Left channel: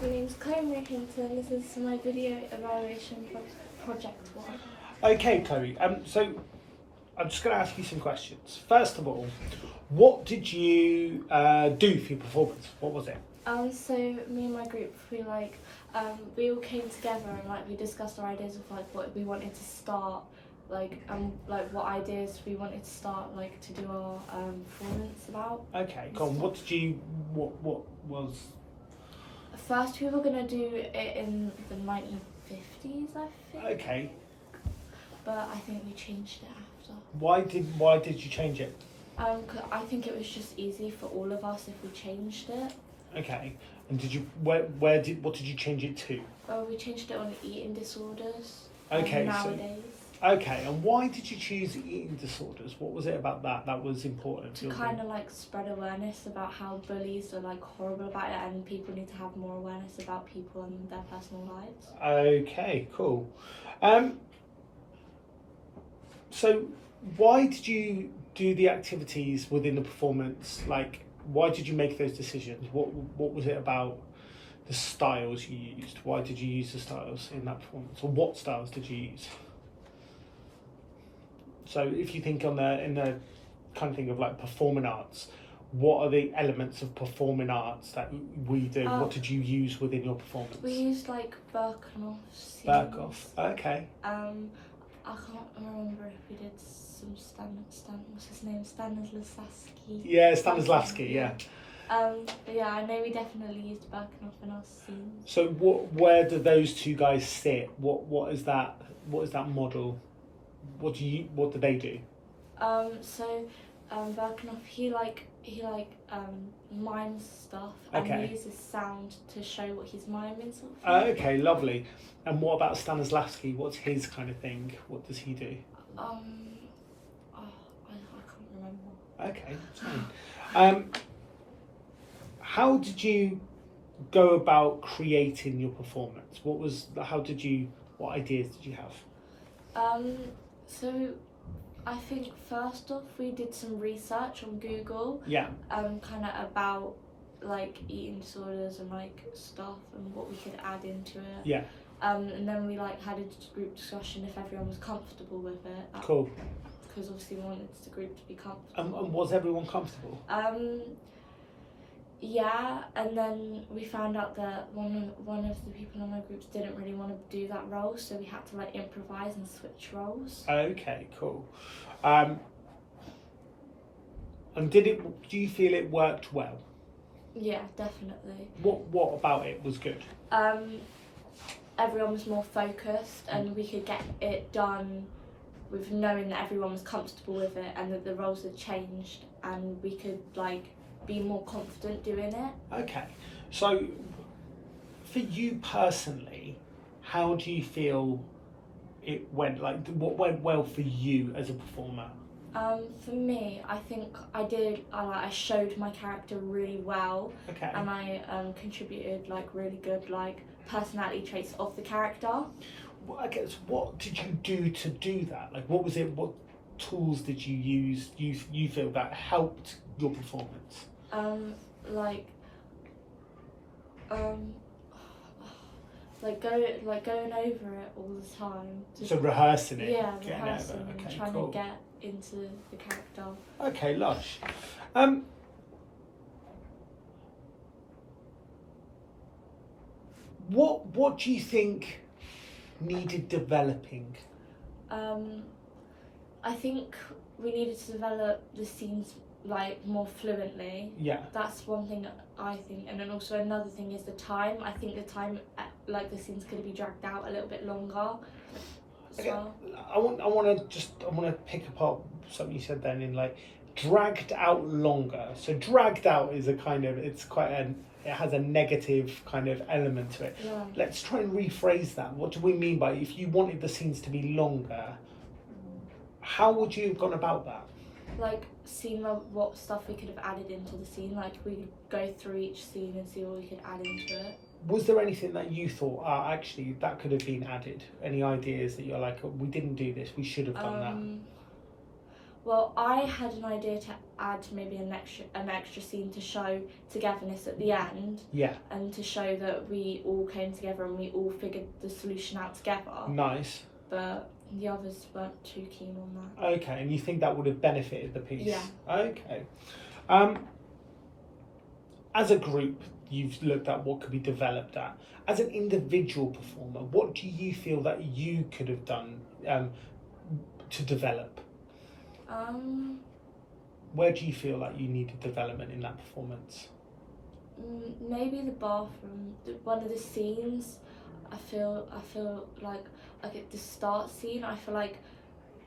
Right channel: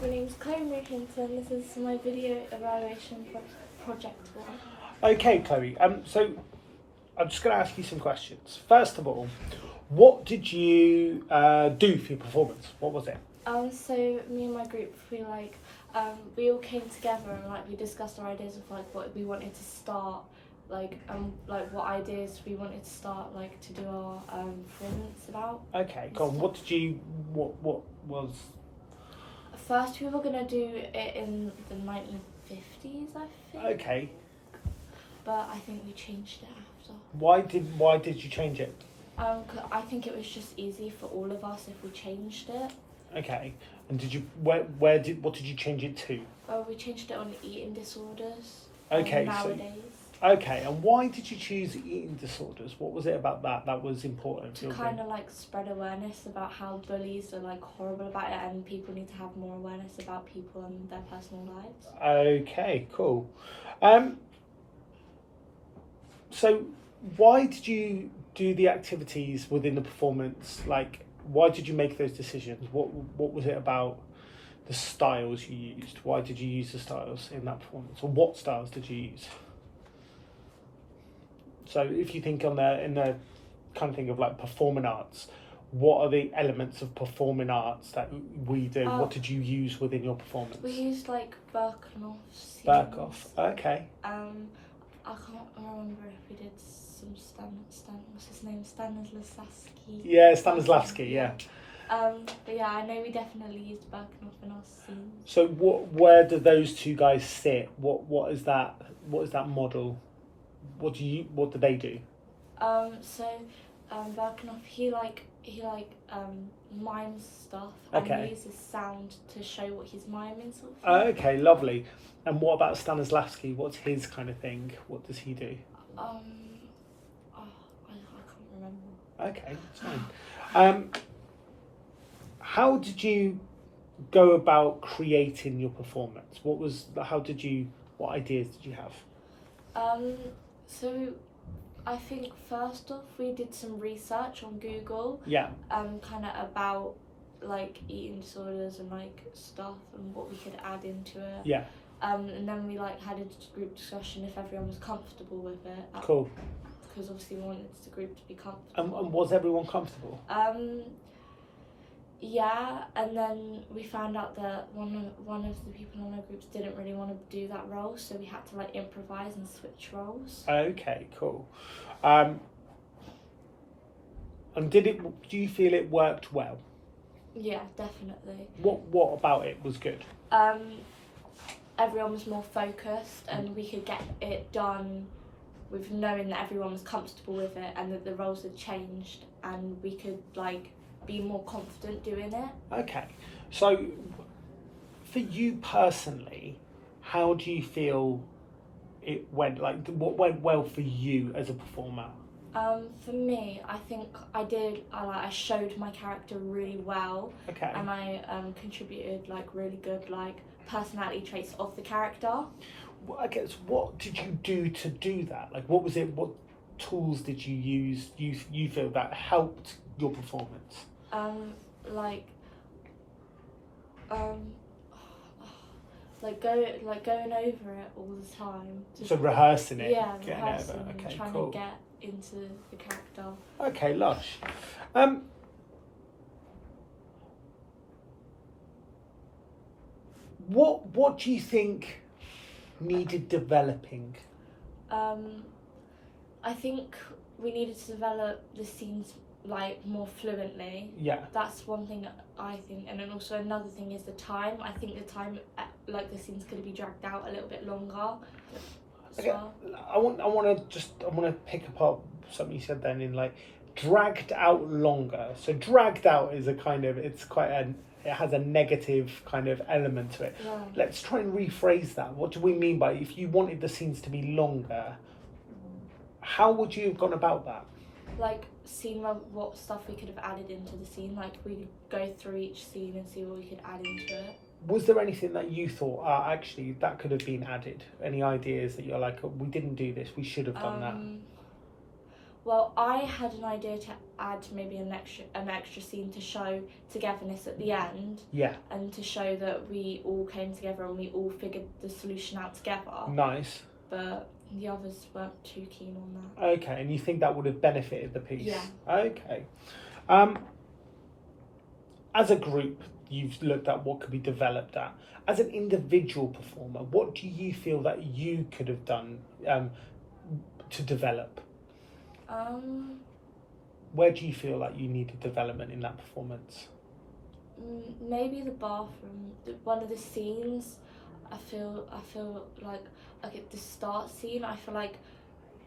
My name's Chloe Marie Hinton. This is my video evaluation for Project One. Okay, Chloe. So I'm just going to ask you some questions. First of all, what did you do for your performance? What was it? So me and my group, we all came together and we discussed our ideas of what we wanted to start, what ideas we wanted to start to do our performance about. Okay, cool. What was? First, we were gonna do it in the 1950s, I think. Okay. But I think we changed it after. Why did you change it? 'Cause I think it was just easy for all of us if we changed it. Okay. And what did you change it to? We changed it on eating disorders. Okay. Nowadays. Okay. And why did you choose eating disorders? What was it about that was important to kind of spread awareness about how bullies are horrible about it, and people need to have more awareness about people and their personal lives. Okay. Cool. So why did you do the activities within the performance? Why did you make those decisions? What was it about the styles you used? Why did you use the styles in that performance? Or what styles did you use? So if you think in the kind of thing of performing arts, what are the elements of performing arts that we do? What did you use within your performance? We used Birkenhoff scenes. Birkenhoff, okay. I can't remember if we did some what's his name? Stanislavski. Yeah, Stanislavski, yeah. But yeah, I know we definitely used Birkenhoff in our scenes. So where do those two guys sit? What is that model? What do they do? Birkenhoff, he mimes stuff and uses sound to show what he's miming, sort of thing. Okay, lovely. And what about Stanislavski? What's his kind of thing? What does he do? I can't remember. Okay, that's fine. How did you go about creating your performance? What ideas did you have? So I think first off we did some research on Google. Yeah. Kind of about eating disorders and stuff and what we could add into it. Yeah. And then we had a group discussion if everyone was comfortable with it. Cool. Because obviously we wanted the group to be comfortable. And was everyone comfortable? Yeah, and then we found out that one of the people in our groups didn't really want to do that role, so we had to improvise and switch roles. Okay, cool. And do you feel it worked well? Yeah, definitely. What about it was good? Everyone was more focused, and we could get it done with knowing that everyone was comfortable with it, and that the roles had changed, and we could be more confident doing it. Okay, so for you personally, how do you feel it went? What went well for you as a performer? For me, I think I showed my character really well. Okay. And I contributed really good personality traits of the character. Well, I guess, what did you do to do that? What was it? What tools did you use? You feel that helped your performance? Going over it all the time. So rehearsing it. Yeah, rehearsing and trying to get into the character. Okay, lush. What do you think needed developing? I think we needed to develop the scenes more fluently. Yeah. That's one thing I think, and then also another thing is the time. I think the time the scenes could be dragged out a little bit longer as well. I want to pick apart something you said then in dragged out longer. So dragged out is it has a negative kind of element to it. Yeah. Let's try and rephrase that. What do we mean by if you wanted the scenes to be longer? How would you have gone about that? Seeing what stuff we could have added into the scene. We could go through each scene and see what we could add into it. Was there anything that you thought, actually, that could have been added? Any ideas that you're we didn't do this, we should have done that? Well, I had an idea to add maybe an extra scene to show togetherness at the end, Yeah. and to show that we all came together and we all figured the solution out together. Nice. But the others weren't too keen on that. Okay, and you think that would have benefited the piece? Yeah. Okay. As a group, you've looked at what could be developed at. As an individual performer, what do you feel that you could have done to develop? Where do you feel like you needed development in that performance? Maybe the bathroom. One of the scenes, I feel like at the start scene, I feel like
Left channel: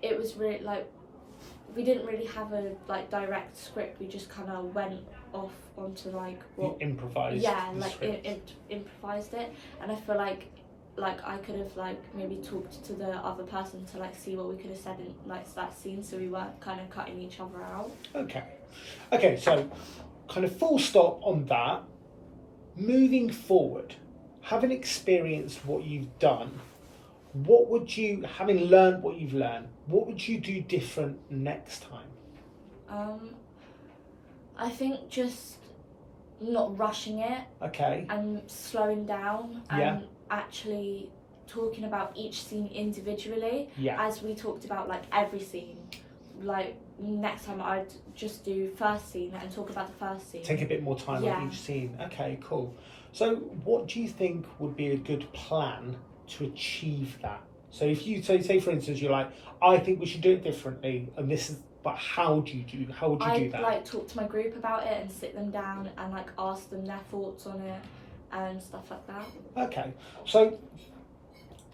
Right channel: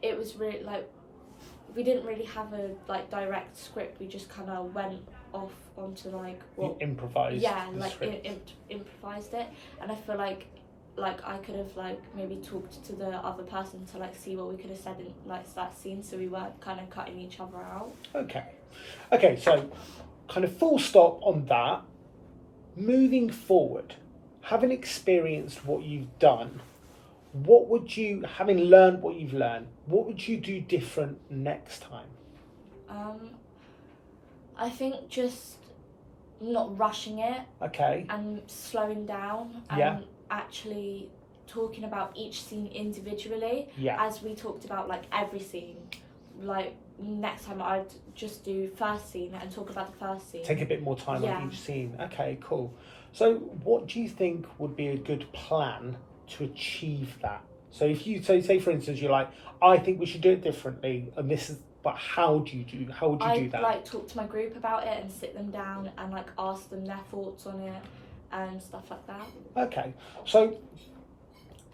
it was really like we didn't really have a like direct script. We just kind of went off onto like what You improvised. yeah, the like script. improvised it, and I feel like I could have like maybe talked to the other person to like see what we could have said in like that scene, so we weren't kind of cutting each other out. Okay, so kind of full stop on that. Moving forward, having experienced what you've done, what would you, having learned what you've learned, what would you do different next time? I think just not rushing it Okay. and slowing down and Yeah. actually talking about each scene individually, Yeah. as we talked about like every scene. Like next time I'd just do first scene and talk about the first scene. Take a bit more time Yeah. on each scene. Okay, cool. So what do you think would be a good plan to achieve that? So if you say for instance you're like, I think we should do it differently, and this is, but how would you do I'd that? like talk to my group about it and sit them down and like ask them their thoughts on it and stuff like that. Okay, so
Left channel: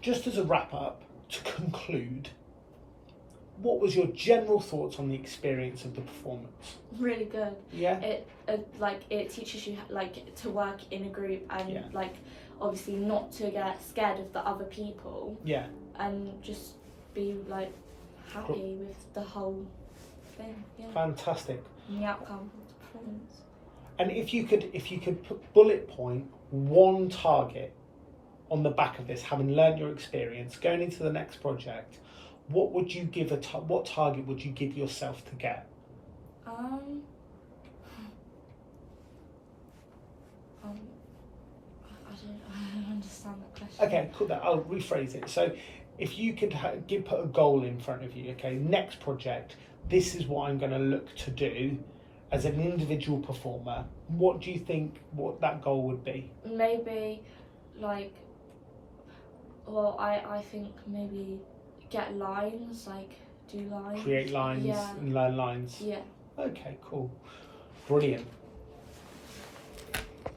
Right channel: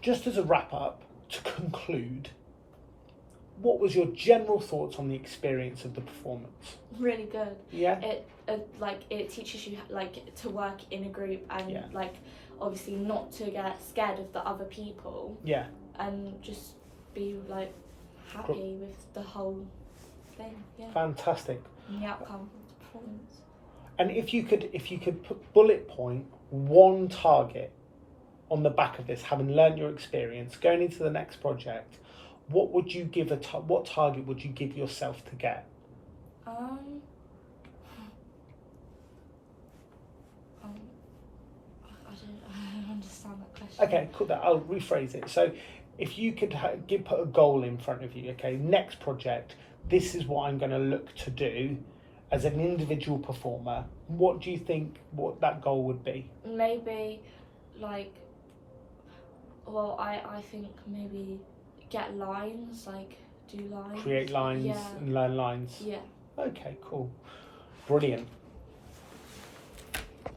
just as a wrap up, to conclude, what was your general thoughts on the experience of the performance? Really good. Yeah. It teaches you like to work in a group and Yeah. like obviously not to get scared of the other people Yeah. and just be like happy with the whole thing. Yeah. Fantastic. And the outcome of the performance. And if you could put bullet point one target on the back of this, having learned your experience, going into the next project, what would you give what target would you give yourself to get? I don't understand that question. Okay, cool. I'll rephrase it. So, if you could put a goal in front of you, okay, next project, this is what I'm going to look to do as an individual performer. What do you think what that goal would be? Maybe like, well, I think maybe get lines, like do lines. Create lines Yeah. and learn lines. Yeah. Okay, cool. Brilliant.